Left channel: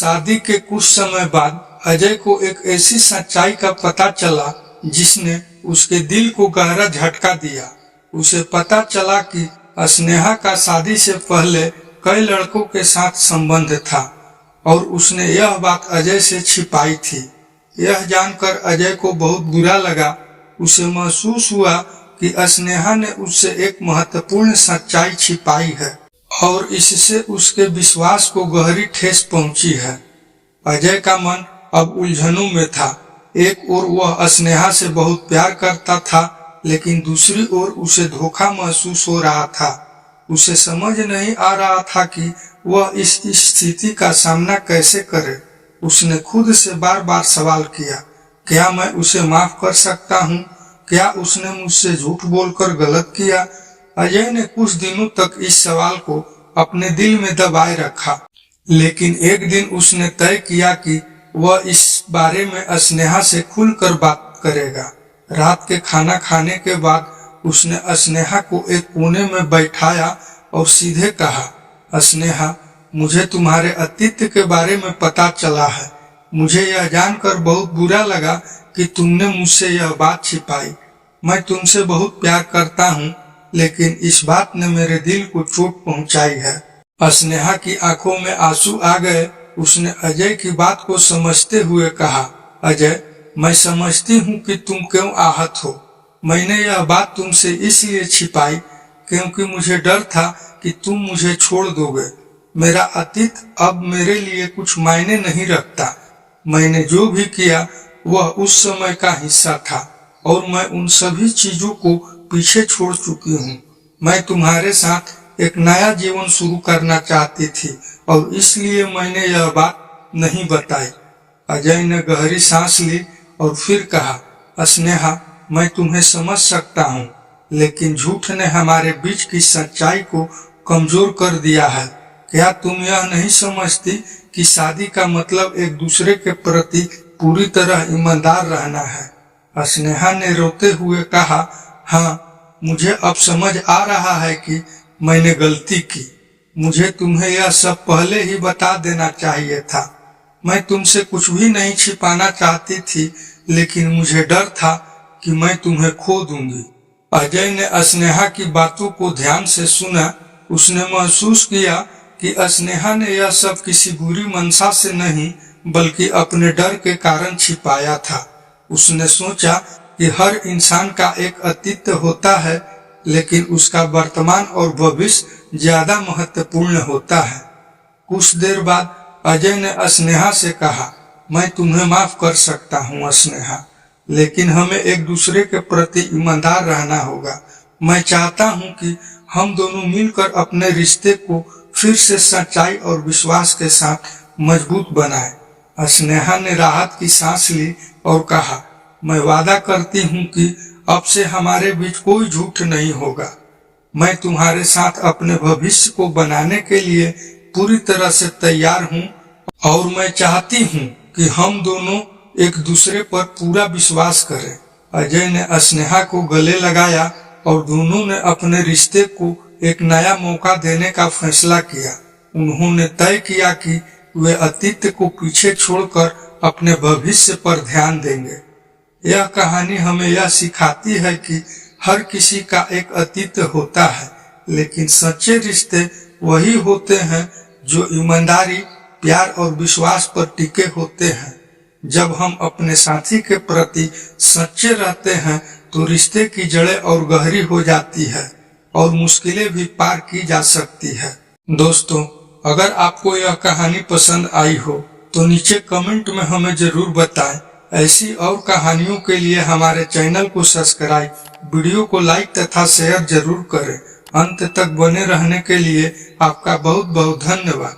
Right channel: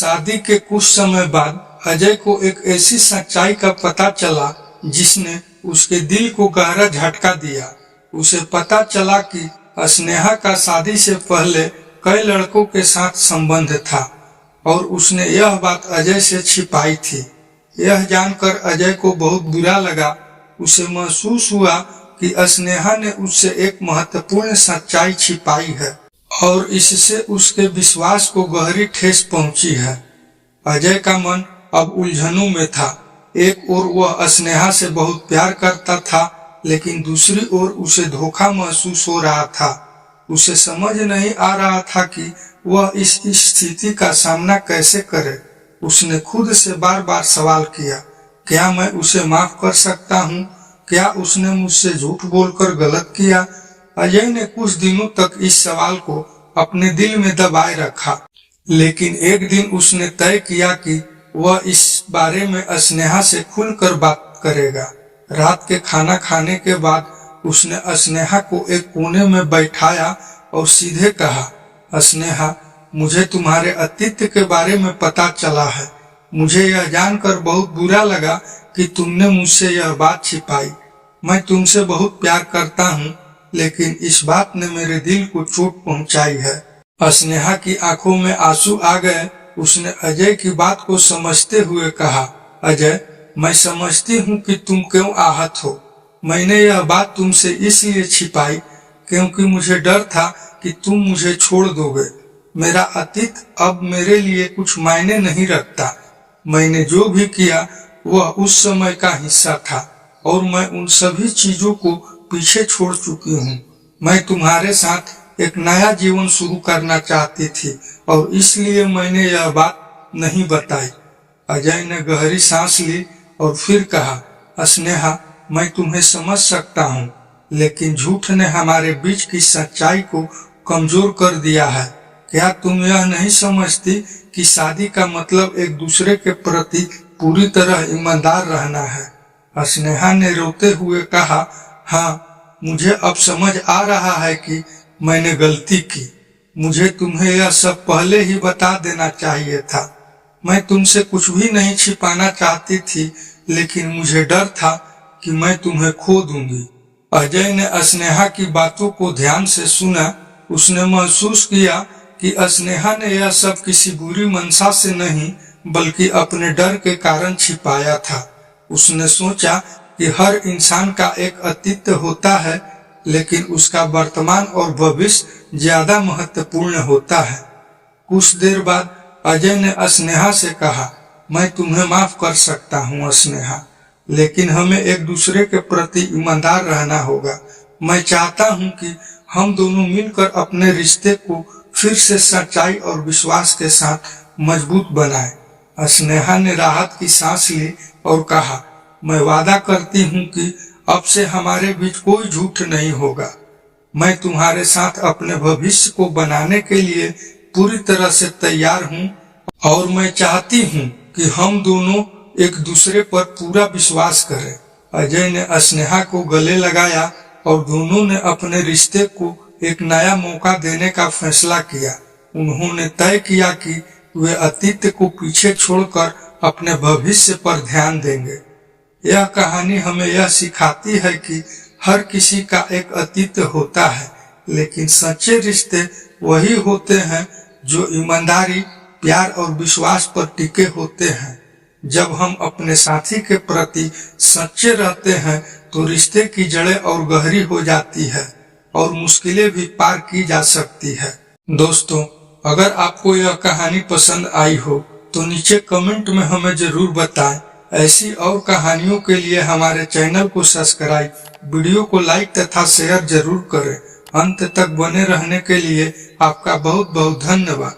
शादी के कुछ समय बाद अजय को एक ऐसी सच्चाई का पता चला जिसने उसके दिल को गहरा झटका दिया। उसे पता चला कि स्नेहा का शादी से पहले कई लड़कों के साथ संबंध था और उसने यह बात अजय से छिपाई थी। यह जानकर अजय को बहुत बुरा लगा। उसे महसूस हुआ कि स्नेहा ने उससे एक महत्वपूर्ण सच्चाई छिपाई है और इससे उसके विश्वास को गहरी ठेस पहुंची है। अजय का मन अब उलझनों में था। एक ओर वह स्नेहा से बहुत प्यार करता था, लेकिन दूसरी ओर उसे धोखा महसूस हो रहा था। उसे समझ नहीं आ रहा था कि वह इस स्थिति का सामना कैसे करे। उसने खुद से बार बार सवाल किया, क्या मैं उसे माफ कर सकता हूँ? क्या उसने मुझसे झूठ बोलकर गलत किया? अजय ने कुछ दिनों तक इस सवाल को अपने दिल में दबाए रखा, लेकिन एक दिन उसने तय किया कि वह इस बारे में स्नेहा से खुलकर बात करेगा। रात के खाना खाने के बाद उसने स्नेहा को एक कोने में बैठाया और सीधे कहा, स्नेहा, मुझे तुम्हारे अतीत के बारे में पता चला है। मुझे यह जानकर बहुत बुरा लगा कि तुमने मुझसे यह बात छिपाई। मैं तुमसे बहुत प्यार करता हूँ, लेकिन इस बात ने मेरे दिल को चोट पहुँचाई है। स्नेहा की आंखों में आंसू आ गए। उसने अजय की बात को समझते हुए कहा, अजय, मैं समझती हूँ कि तुम क्यों आहत हो। मैंने यह बात तुमसे इसलिए छिपाई क्योंकि मुझे डर था कि तुम मुझे छोड़ दोगे। मेरा अतीत अब मेरे लिए कुछ मायने नहीं रखता। मैंने जो भी किया वह उस समय का हिस्सा था और मैं उन सभी चीजों को पीछे छोड़ चुकी हूँ। मैं तुम्हारे साथ एक नया जीवन शुरू करना चाहती थी और इसलिए मैंने यह बात नहीं बताई। अजय ने गहरी सांस ली और फिर कहा, स्नेहा, मैं तुम्हें समझ सकता हूँ, लेकिन झूठ ने हमारे बीच की सच्चाई को कमजोर कर दिया है। क्या तुम यह नहीं समझती कि शादी का मतलब एक दूसरे के प्रति पूरी तरह ईमानदार रहना है? स्नेहा ने रोते हुए कहा, हाँ, मुझे अब समझ आ रहा है कि मैंने गलती की। मुझे तुम्हें यह सब पहले ही बता देना चाहिए था। मैं तुमसे कुछ भी नहीं छिपाना चाहती थी, लेकिन मुझे डर था कि मैं तुम्हें खो दूंगी। अजय ने स्नेहा की बातों को ध्यान से सुना। उसने महसूस किया कि स्नेहा ने यह सब किसी बुरी मंशा से नहीं, बल्कि अपने डर के कारण छिपाया था। उसने सोचा कि हर इंसान का एक अतीत होता है, लेकिन उसका वर्तमान और भविष्य ज्यादा महत्वपूर्ण होता है। कुछ देर बाद अजय ने स्नेहा से कहा, मैं तुम्हें माफ कर सकता हूँ स्नेहा, लेकिन हमें एक दूसरे के प्रति ईमानदार रहना होगा। मैं चाहता हूँ कि हम दोनों मिलकर अपने रिश्ते को फिर से सच्चाई और विश्वास के साथ मजबूत बनाएं। स्नेहा ने राहत की सांस ली और कहा, मैं वादा करती हूँ कि अब से हमारे बीच कोई झूठ नहीं होगा। मैं तुम्हारे साथ अपने भविष्य को बनाने के लिए पूरी तरह से तैयार हूँ और मैं चाहती हूँ कि हम दोनों एक दूसरे पर पूरा विश्वास करें। अजय ने स्नेहा को गले लगाया और दोनों ने अपने रिश्ते को एक नया मौका देने का फैसला किया। उन्होंने तय किया कि वे अतीत को पीछे छोड़कर अपने भविष्य पर ध्यान देंगे। यह कहानी हमें यह सिखाती है कि हर किसी का एक अतीत होता है, लेकिन सच्चे रिश्ते वही होते हैं जो ईमानदारी, प्यार और विश्वास पर टिके होते हैं। जब हम अपने साथी के प्रति सच्चे रहते हैं तो रिश्ते की जड़ें और गहरी हो जाती है और मुश्किलें भी पार की जा सकती है। दोस्तों, अगर आपको यह कहानी पसंद आई हो तो नीचे कमेंट में हमें जरूर बताएं। ऐसी और कहानियों के लिए हमारे चैनल को सब्सक्राइब, वीडियो को लाइक तथा शेयर जरूर करें। अंत तक बने रहने के लिए आपका बहुत बहुत धन्यवाद।